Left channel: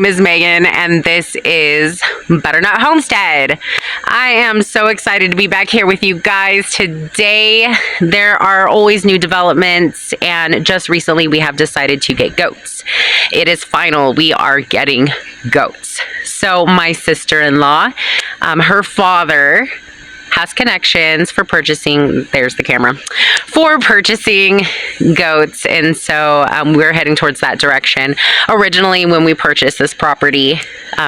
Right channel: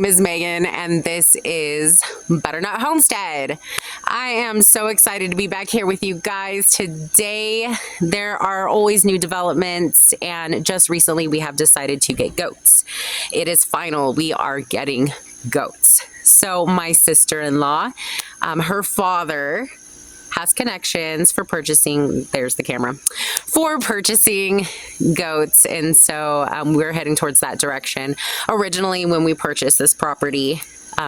name is Megan, and this is Butternut Homestead. I am so excited to be back here with you guys today. There are always new developments, and just recently we have decided to get goats. It is final. We are getting goats. So my sister-in-law, her father has connections for purchasing, there's the camera, for purchasing goats. And so we're heading towards that direction. Originally, when we purchased this property,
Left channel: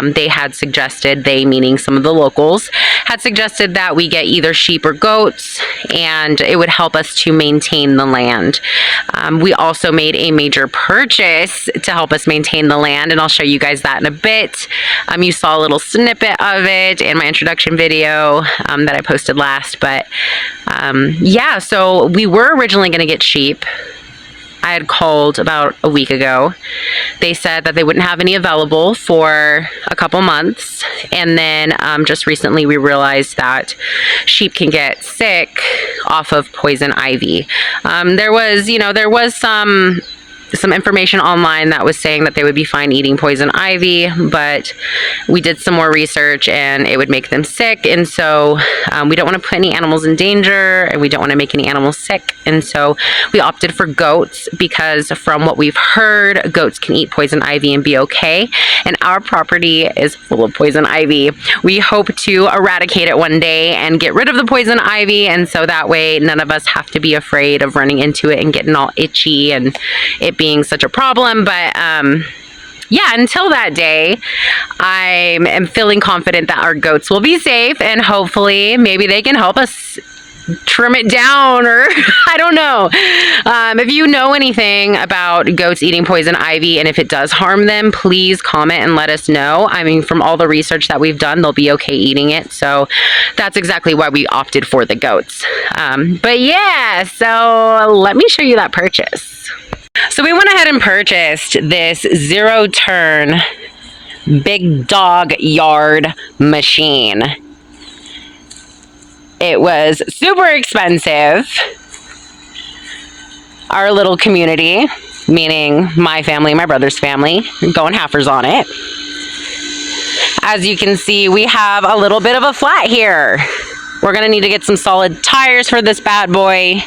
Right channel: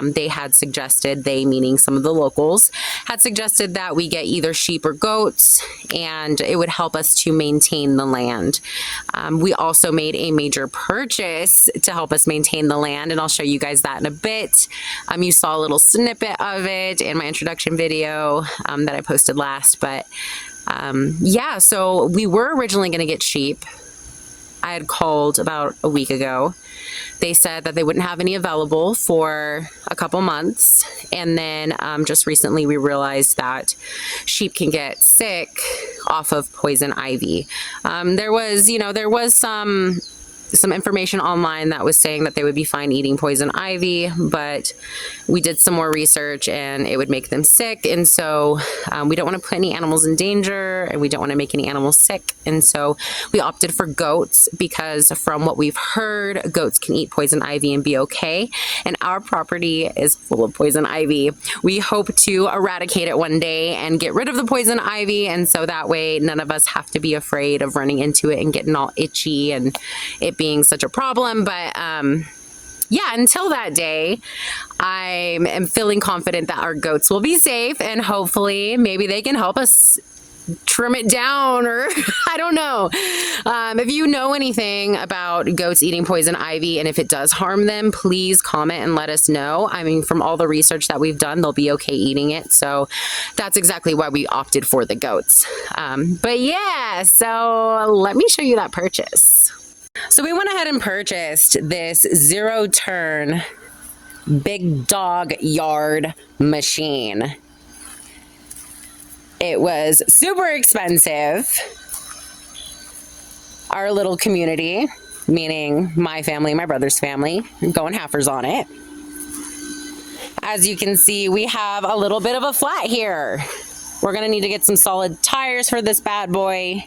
they had suggested, they meaning some of the locals, had suggested that we get either sheep or goats, and it would help us to maintain the land. We also made a major purchase to help us maintain the land, and I'll show you guys that in a bit. You saw a little snippet of it in my introduction video that I posted last, but yeah, so we were originally going to get sheep. I had called about a week ago. They said that they wouldn't have any available for a couple months, and then just recently we realized that sheep can get sick off of poison ivy. There was some information online that was saying that they would be fine eating poison ivy, but we did some more research and it would make them sick. And so we don't want to put any animals in danger, and we don't want to make any animals sick. And so we opted for goats because from what we've heard, goats can eat poison ivy and be okay. And our property is full of poison ivy. We hope to eradicate it one day and get rid of the poison ivy. And so that way none of us have to be afraid of running into it and getting all itchy and it being such a problem. But yeah, until that day, I am feeling confident that our goats will be safe, and hopefully maybe they can help us trim it down, or I don't know. If you know anything about goats eating poison ivy and if it does harm them, please comment and let us know. I mean, from all the research that we've done, they'll be okay eating it. So that's exactly why we opted for the goats. But yeah, so let me show you that purchase. So we went ahead and purchased this zero-turn big dog yard machine. It was super expensive. Our little community, meaning my family, my brother's family, going halfers on it. As you can see, we have a little bit of a flat here. We're gonna need to get some solid tires for this bad boy.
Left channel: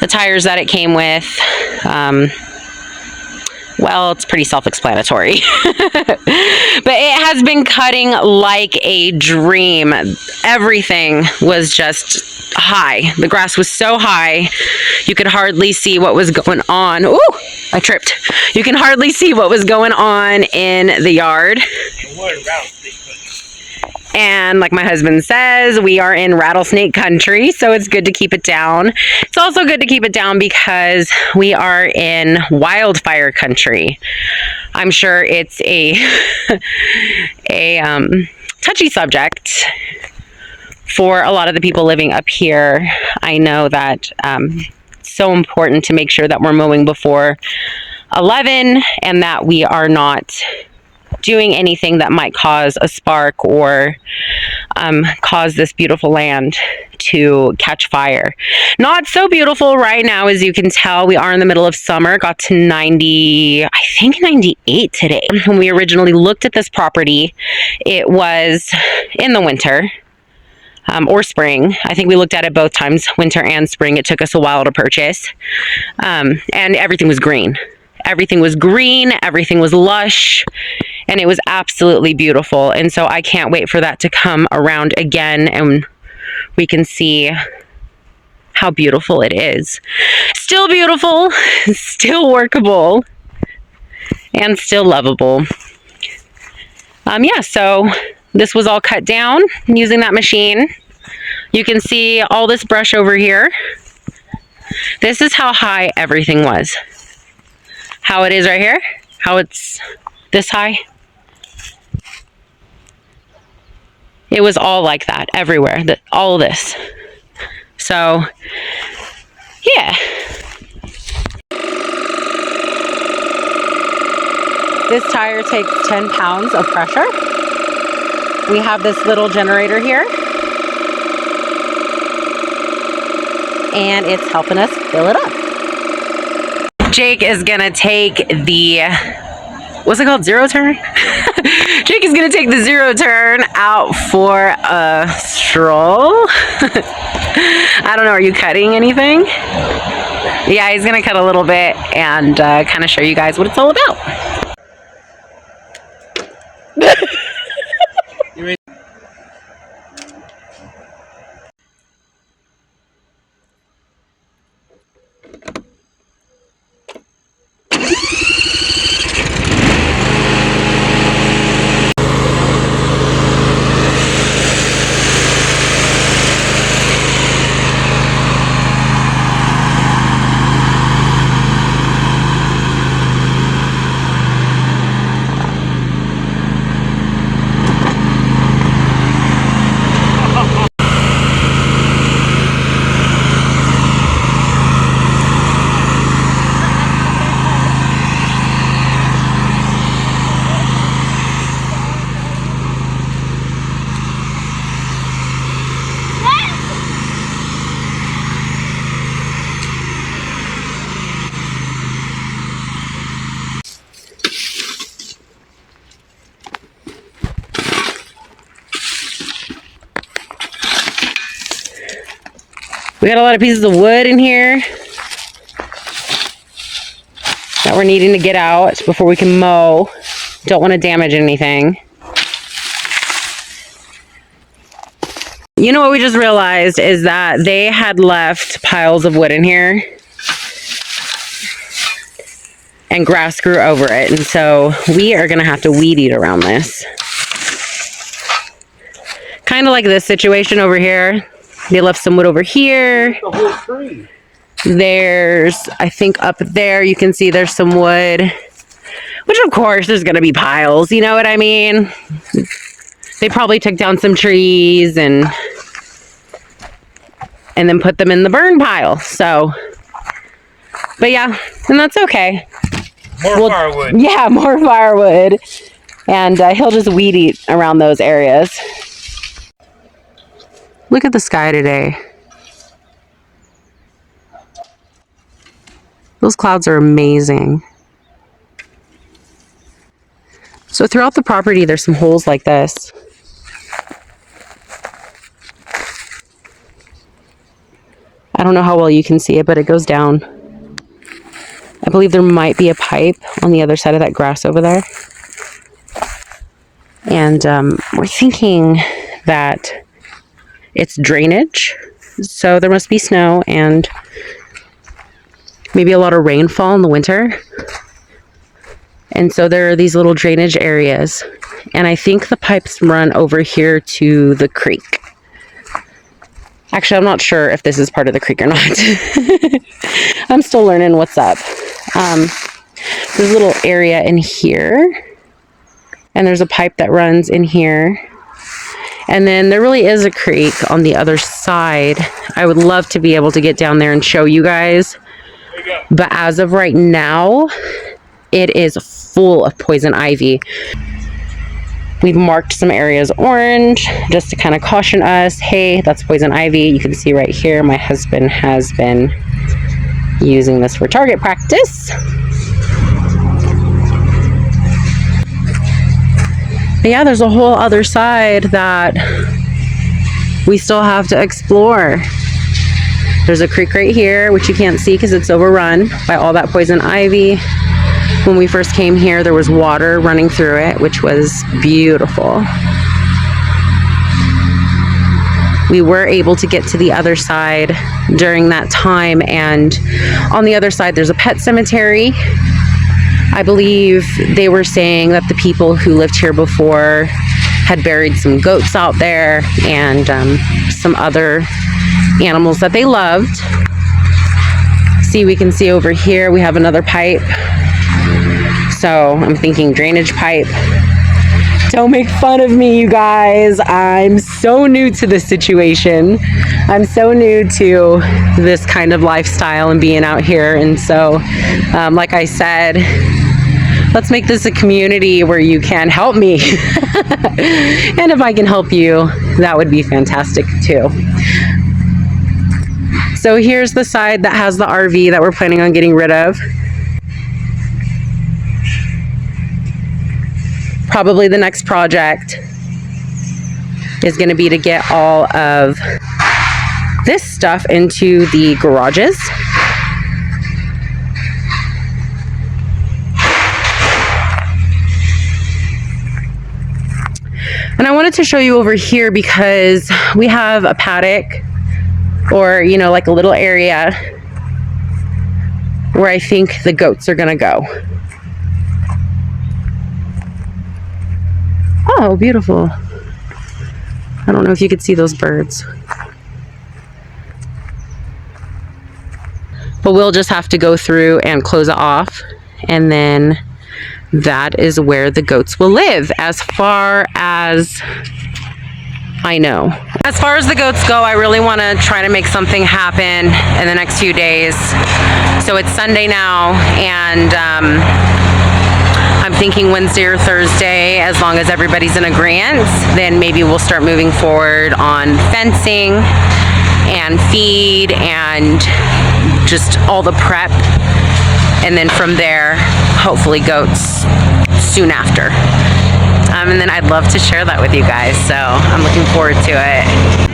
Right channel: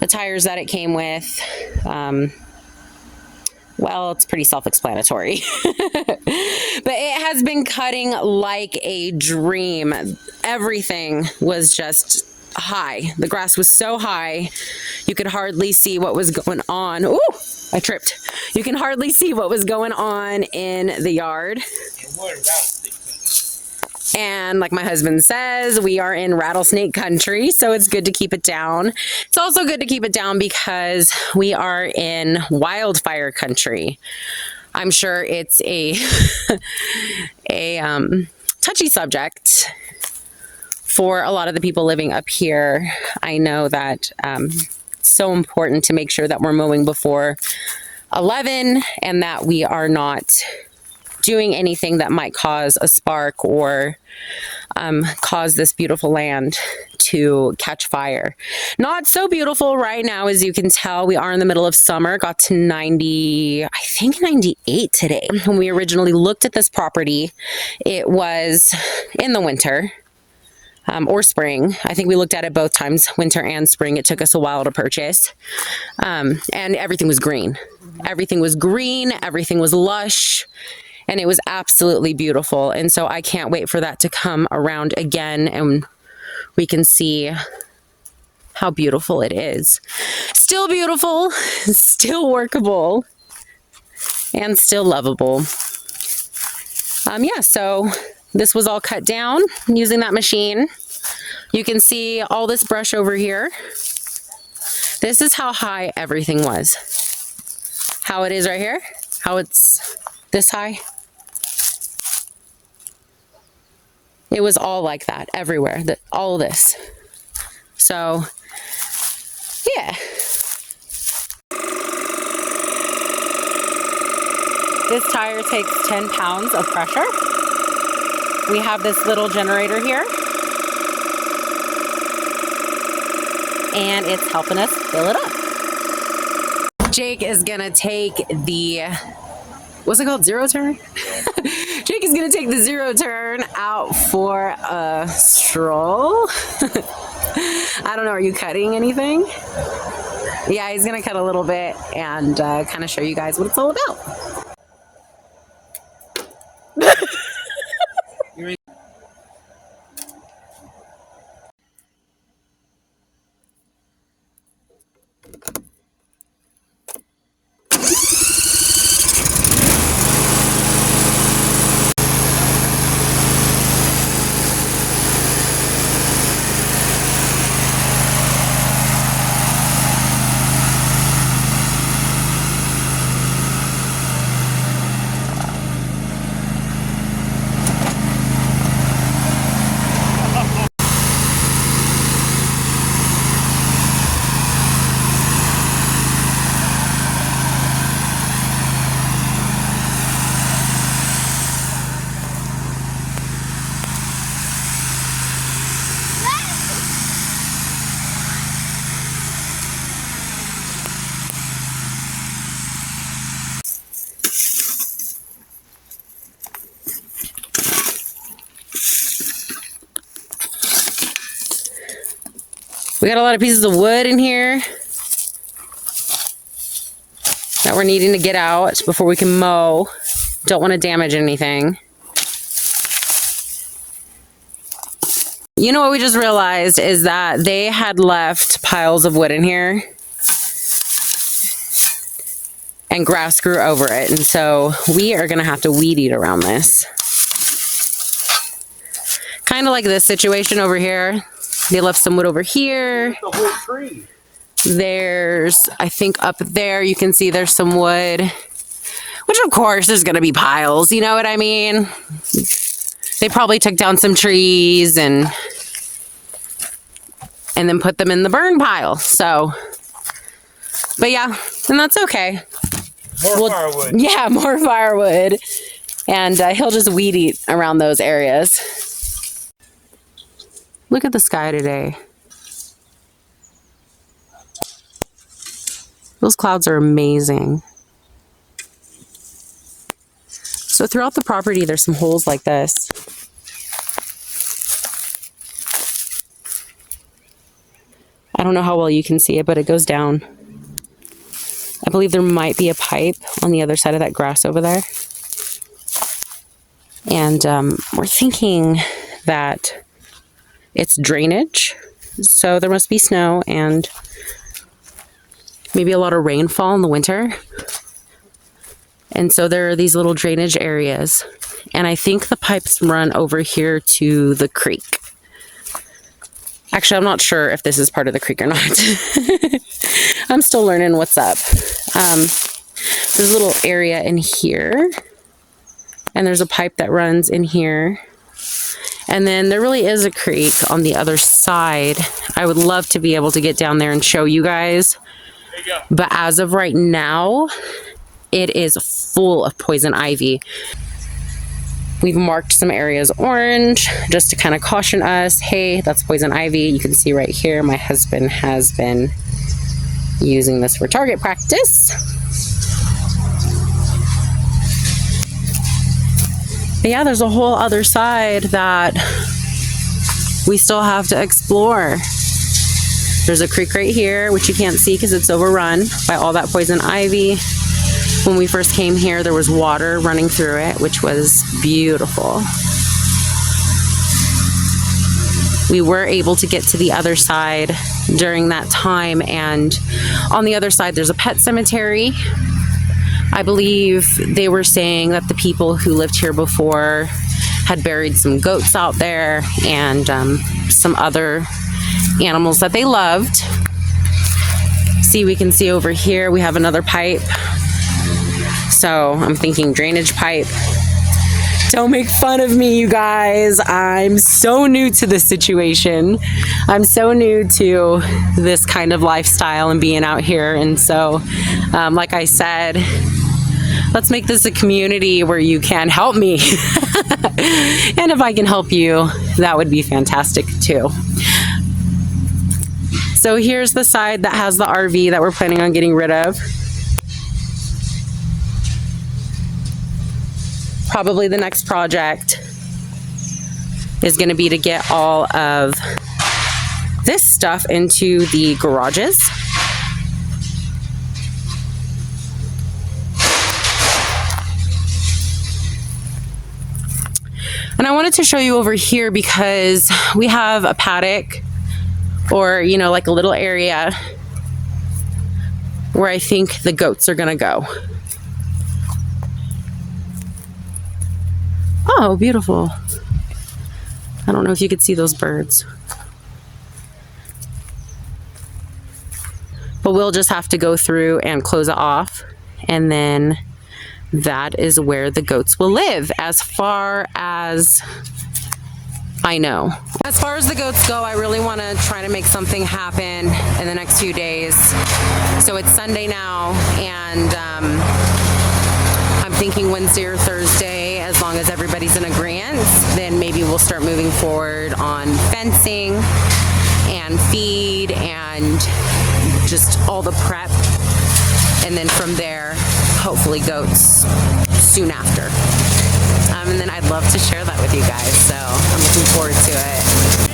The tires that it came with, well, it's pretty self-explanatory. But it has been cutting like a dream. Everything was just high. The grass was so high, you could hardly see what was going on. Ooh, I tripped. You can hardly see what was going on in the yard. And like my husband says, we are in rattlesnake country, so it's good to keep it down. It's also good to keep it down because we are in wildfire country. I'm sure it's a touchy subject for a lot of the people living up here. I know that it's so important to make sure that we're mowing before 11 and that we are not doing anything that might cause a spark or cause this beautiful land to catch fire. Not so beautiful right now, as you can tell. We are in the middle of summer. Got to 90, I think 98 today. When we originally looked at this property, it was in the winter. Or spring. I think we looked at it both times, winter and spring. It took us a while to purchase. And everything was green. Everything was green, everything was lush, and it was absolutely beautiful. And so I can't wait for that to come around again and we can see how beautiful it is. Still beautiful, still workable, and still lovable. Yeah, so this was all cut down using that machine. You can see all this brush over here. This is how high everything was. How it is right here, how it's this high. It was all like that everywhere, all of this. So, yeah. This tire takes 10 pounds of pressure. We have this little generator here. And it's helping us fill it up. Jake is gonna take the what's it called? Zero turn? Jake is going to take the zero turn out for a stroll. I don't know. Are you cutting anything? Yeah, he's going to cut a little bit and kind of show you guys what it's all about. We got a lot of pieces of wood in here that we're needing to get out before we can mow. Don't want to damage anything. You know what we just realized is that they had left piles of wood in here and grass grew over it. And so we are going to have to weed eat around this. Kind of like this situation over here. They left some wood over here. The whole tree. There's, I think up there, you can see there's some wood, which of course there's going to be piles. You know what I mean? They probably took down some trees and then put them in the burn pile. So, but yeah, and that's okay. More firewood. Yeah, more firewood. And he'll just weed eat around those areas. Look at the sky today. Those clouds are amazing. So throughout the property, there's some holes like this. I don't know how well you can see it, but it goes down. I believe there might be a pipe on the other side of that grass over there. And we're thinking that it's drainage, so there must be snow and maybe a lot of rainfall in the winter. And so there are these little drainage areas. And I think the pipes run over here to the creek. Actually, I'm not sure if this is part of the creek or not. I'm still learning what's up. There's a little area in here. And there's a pipe that runs in here. And then there really is a creek on the other side. I would love to be able to get down there and show you guys. But as of right now, it is full of poison ivy. We've marked some areas orange just to kind of caution us. Hey, that's poison ivy. You can see right here, my husband has been using this for target practice. But yeah, there's a whole other side that we still have to explore. There's a creek right here, which you can't see because it's overrun by all that poison ivy. When we first came here, there was water running through it, which was beautiful. We were able to get to the other side during that time, and on the other side, there's a pet cemetery. I believe they were saying that the people who lived here before had buried some goats out there and some other animals that they loved. See, we can see over here, we have another pipe. So I'm thinking drainage pipe. Don't make fun of me, you guys. I'm so new to this situation. I'm so new to this kind of lifestyle and being out here. And so, like I said, let's make this a community where you can help me. And if I can help you, that would be fantastic too. So here's the side that has the RV that we're planning on getting rid of. probably the next project is going to be to get all of this stuff into the garages. And I wanted to show you over here because we have a paddock, or, you know, like a little area where I think the goats are gonna go. Oh, beautiful. I don't know if you could see those birds. But we'll just have to go through and close it off, and then that is where the goats will live, as far as I know. As far as the goats go, I really want to try to make something happen in the next few days. So it's Sunday now, and I'm thinking Wednesday or Thursday, as long as everybody's in agreement, then maybe we'll start moving forward on fencing and feed and just all the prep. And then from there, hopefully goats soon after. And then I'd love to share that with you guys. So I'm looking forward to it.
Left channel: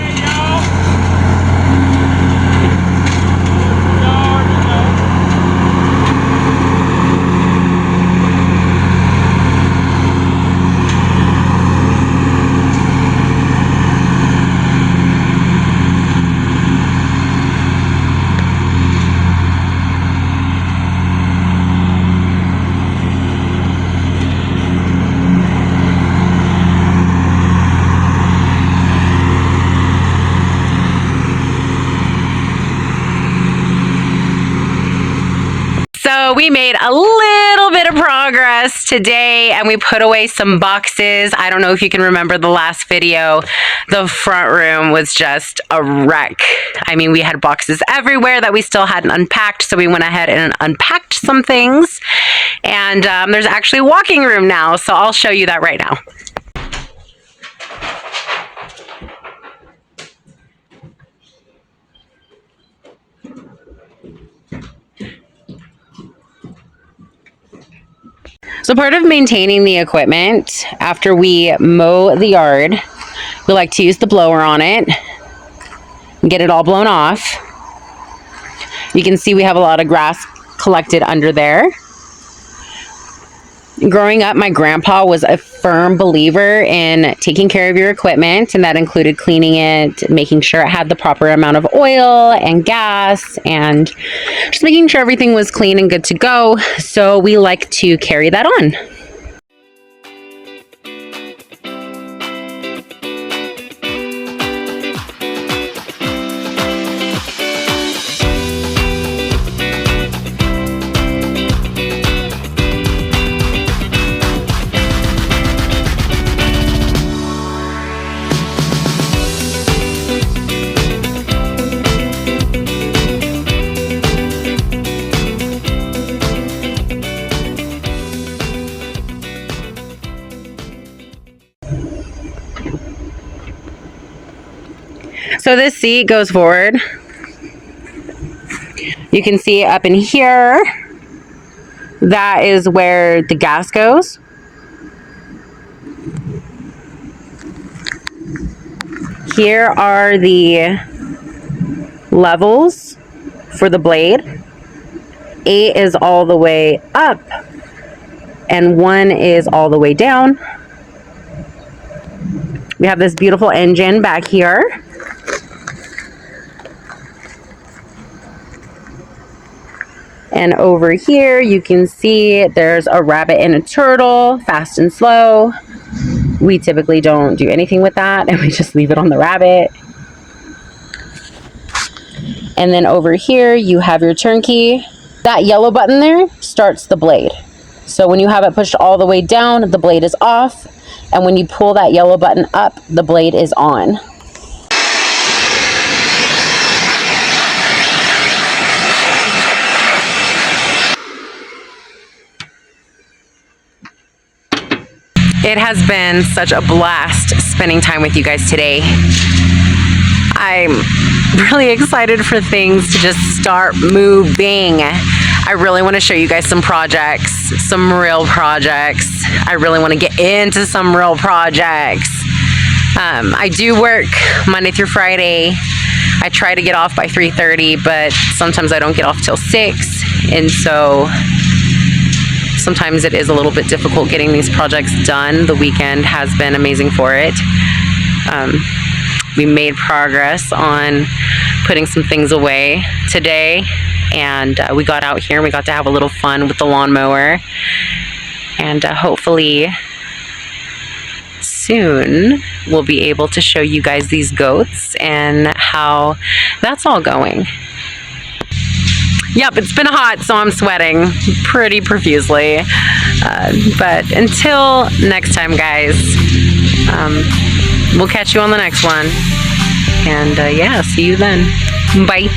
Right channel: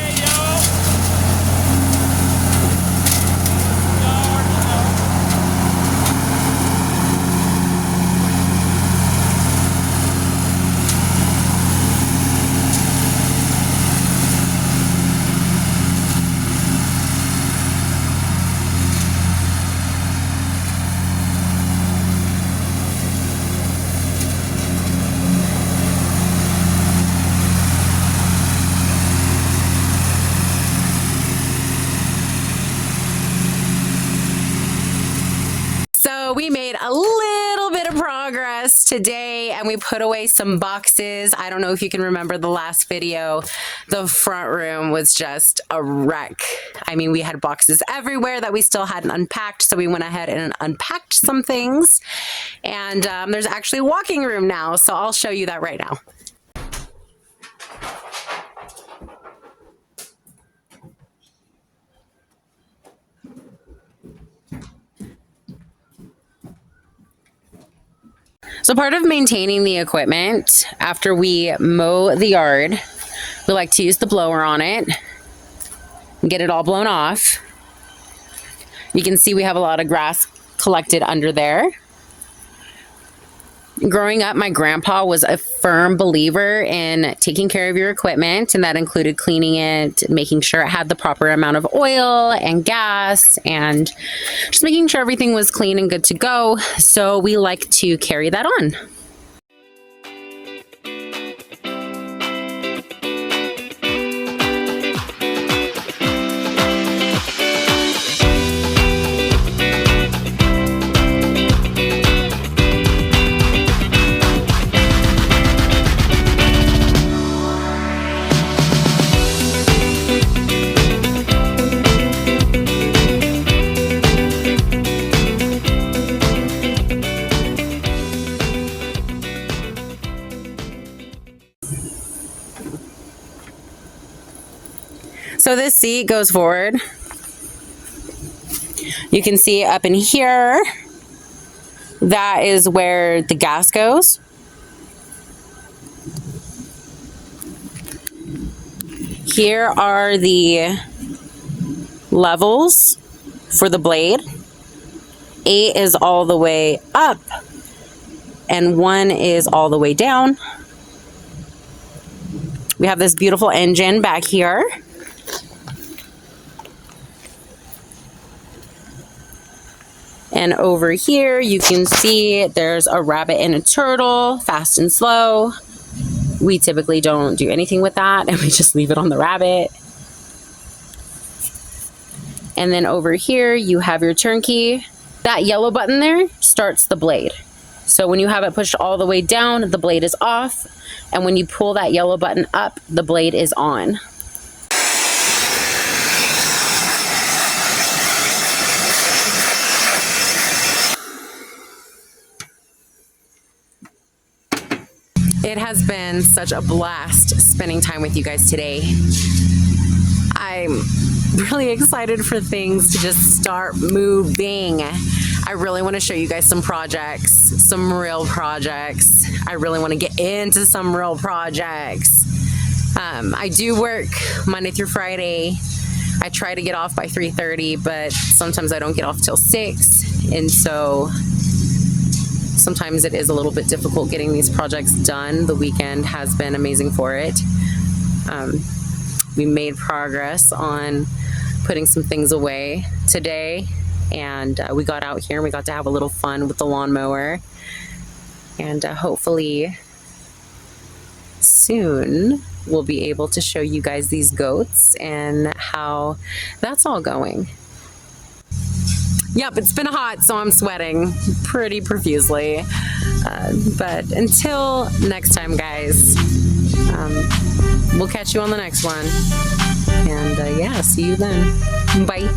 So we made a little bit of progress today, and we put away some boxes. I don't know if you can remember the last video. The front room was just a wreck. I mean, we had boxes everywhere that we still hadn't unpacked, so we went ahead and unpacked some things. And there's actually a walking room now, so I'll show you that right now. So part of maintaining the equipment after we mow the yard, we like to use the blower on it and get it all blown off. You can see we have a lot of grass collected under there. Growing up, my grandpa was a firm believer in taking care of your equipment, and that included cleaning it, making sure it had the proper amount of oil and gas, and just making sure everything was clean and good to go. So we like to carry that on. So this seat goes forward. You can see up in here, that is where the gas goes. Here are the levels for the blade. 8 is all the way up and 1 is all the way down. We have this beautiful engine back here. And over here, you can see there's a rabbit and a turtle, fast and slow. We typically don't do anything with that, and we just leave it on the rabbit. And then over here, you have your turnkey. That yellow button there starts the blade. So when you have it pushed all the way down, the blade is off. And when you pull that yellow button up, the blade is on. It has been such a blast spending time with you guys today. I'm really excited for things to just start moving. I really want to show you guys some projects, some real projects. I really want to get into some real projects. I do work Monday through Friday. I try to get off by 3:30, but sometimes I don't get off till 6. And so sometimes it is a little bit difficult getting these projects done. The weekend has been amazing for it. We made progress on putting some things away today, and we got out here and we got to have a little fun with the lawnmower. And hopefully soon we'll be able to show you guys these goats and how that's all going. Yep, it's been hot, so I'm sweating pretty profusely. But until next time, guys, we'll catch you on the next one. And yeah, see you then. Bye.